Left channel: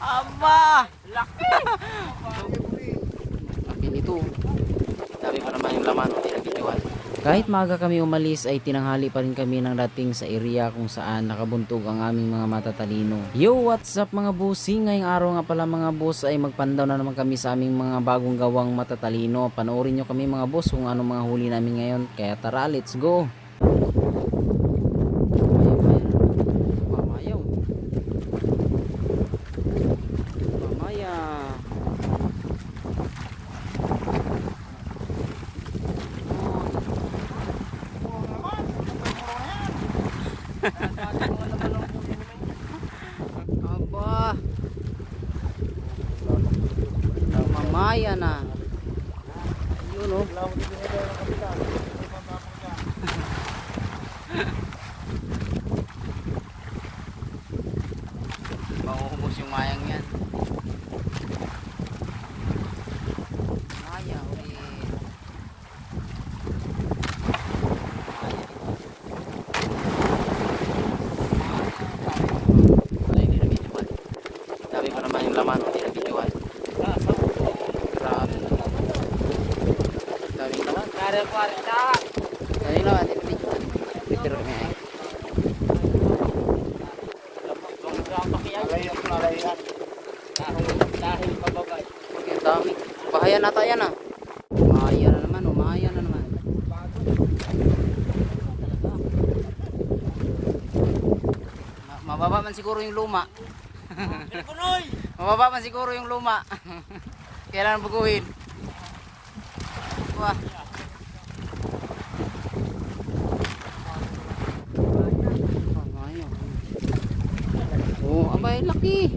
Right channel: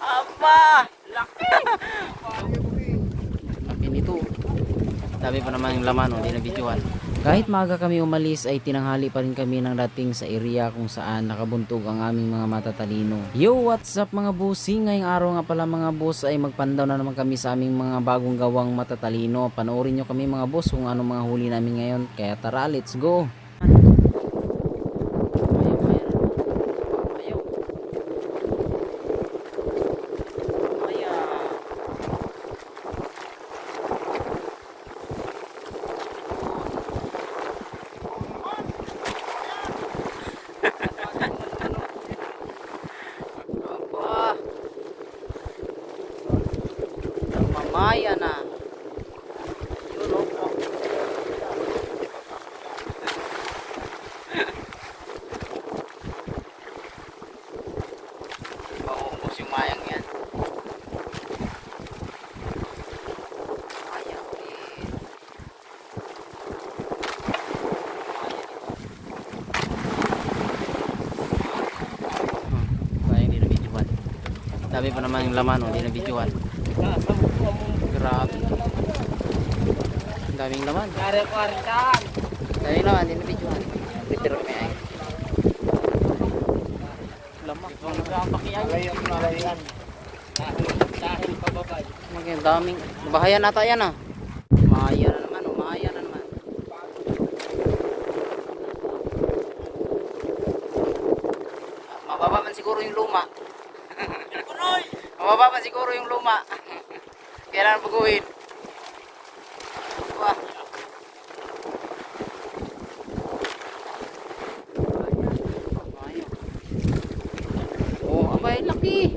Aba! Laki! Laki nito. Sabi pa naman yung laman, hindi nabidyohan. Kahit maaga kami umalis ay tinanghali pa rin kami ng dating sa area kung saan nakabuntog ang aming mga matatalino. Yo, what's up mga bossing? Ngayong araw nga pala mga boss ay magpandaw na naman kami sa aming mga bagong gawang matatalino. Panoorin nyo kami mga boss kung ano mga huli namin ngayon. Kaya tara, let's go! Aba, mamaya na. Tunog. Mauubos yung mayang yan. Maya ulit. Maya dito. Kaya hindi na videohan. Sabi pa naman yung laman, hindi na videohan. Grabe. Daming laman. Daming laman, hindi na videohan. Prepare kami ay. Lamak. Nalayan. Dahil pababay. Maging daming. Bahayan ata yan ah. Maya na naman oh. Maya na naman. Mababa man siguro yung luma. Mababa man siguro yung luma. Kailangan baguhin. Wah. Oh, abay laki.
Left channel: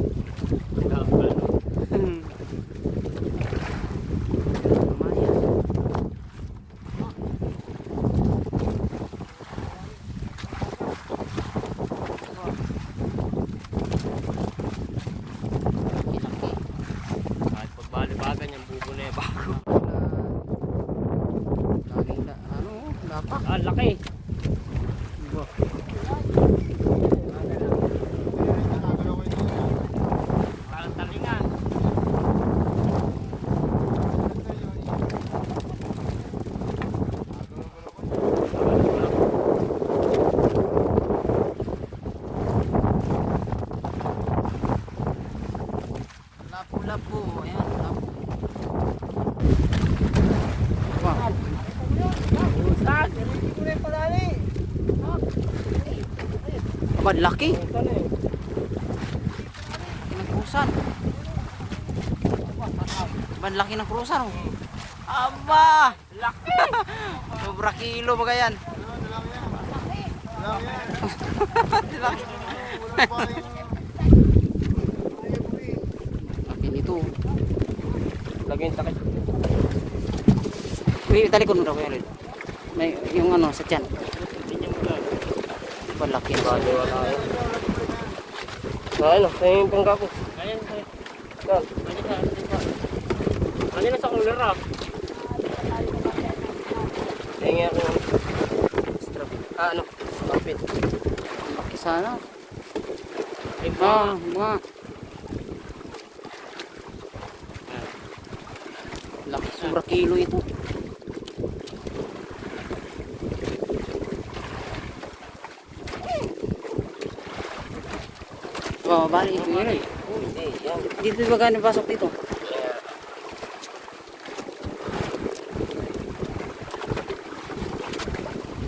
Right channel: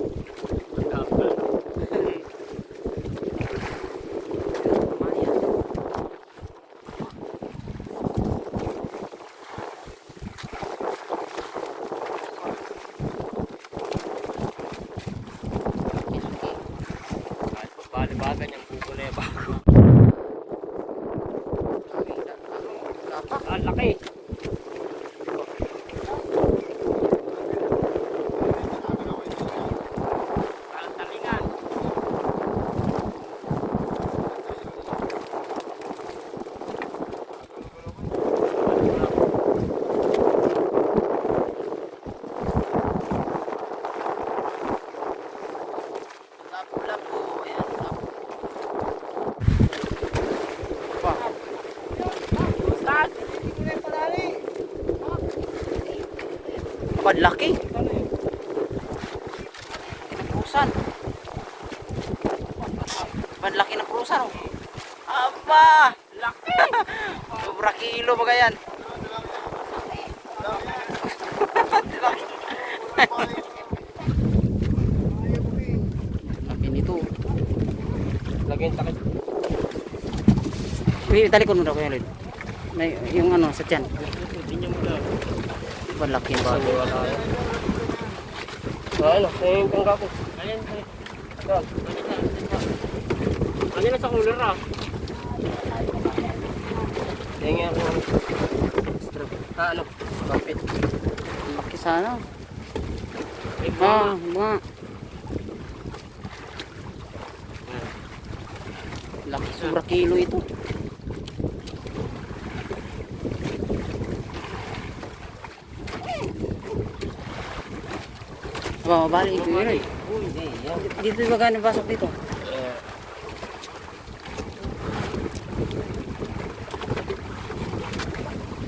Bali-bagan yung buko na yung bago. Ang laki. Parang talingan. Lapu-lapu. Ayan, lapu. Wah. Abad laki. Ng krusan. Abad laki ng krusan oh. Aba! Laki. Sobra kilo ba yan? Laki. Laki nito. Lagyan takit. Uy, talikon mo daw kaya Lord. Yung ano sa tiyan. Palaki na siya. Ano, yung panggapos. Ano na sa kulera? Kaya ano? Kapit. Laki sana. Mga. Laki, sobra kilo ito. Oh, bali ito yun. Dito ba gano'ng pasok dito?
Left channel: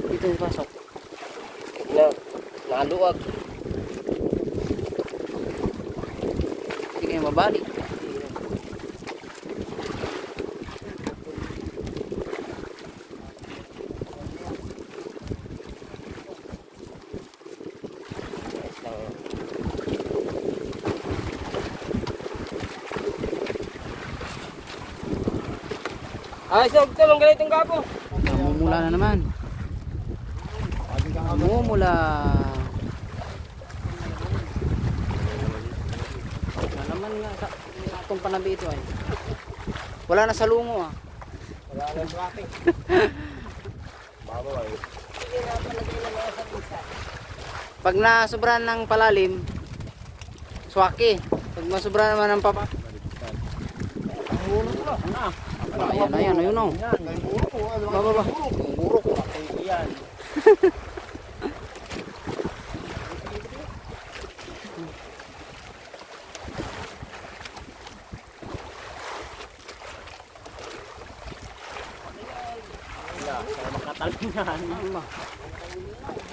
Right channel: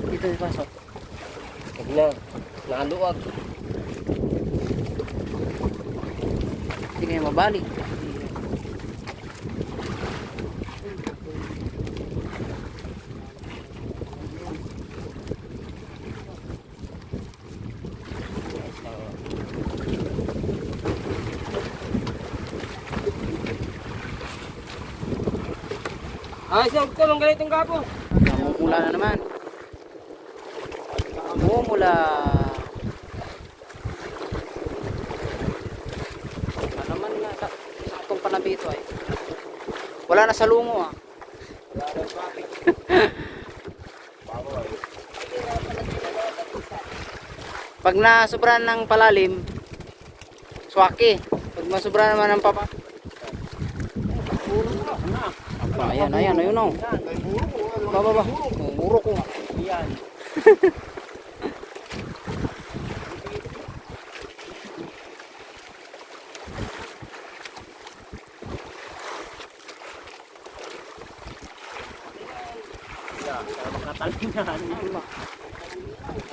Dito yung pasok. Yan. Nakaluwag. Hindi kayo mabalik. Ay, sir, ito lang ganitong gapo. Namumula na naman. Namumula. Naman nga itong panabi ito ay. Wala na sa lungo ah. Wala nang traffic. Bago ay. Pag nasobran ng palalim, swaki. Pag masubra naman ang papa. Muro ko lang. Ano? Apa, ayan, ayun oh. Yan, may muro ko. Baba. Muro ko. Yan.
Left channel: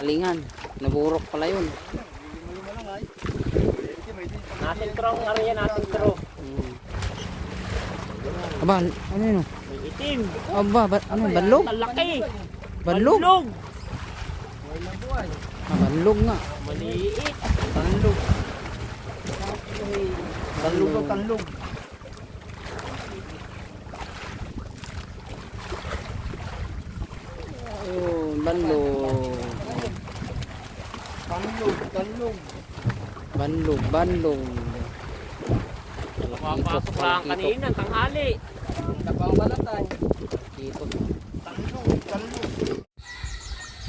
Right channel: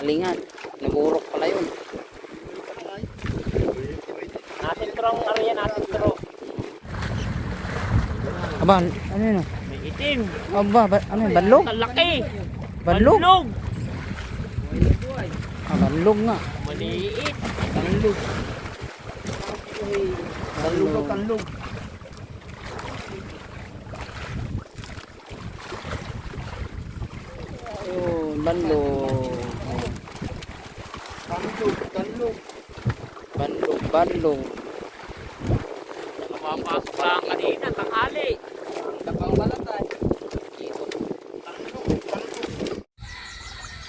Alingan. Naburok pala yun. Natin trong, ano yan, natin trong. Aba, ano yun? May itim. Aba, ano yun? Banlog? Ang laki. Banlog? Banlog. Ah, banlog nga. Maliit. Tanlog. Tanlog o tanlog. Oh, banlog. Tanlog, tanlog. Banlog. Papasok lang kanina, tanghali.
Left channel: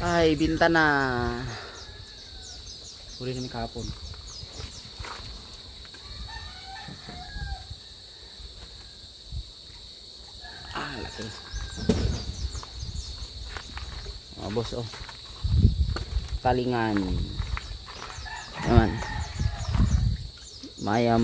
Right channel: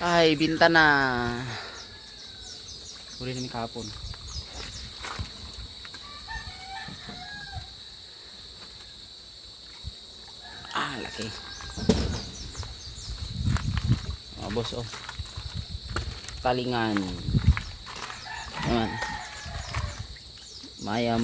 Ay, binta na. Huli namin kahapon. Ah, laki. Oh, boss, oh. Talingan. Ayan. Maya.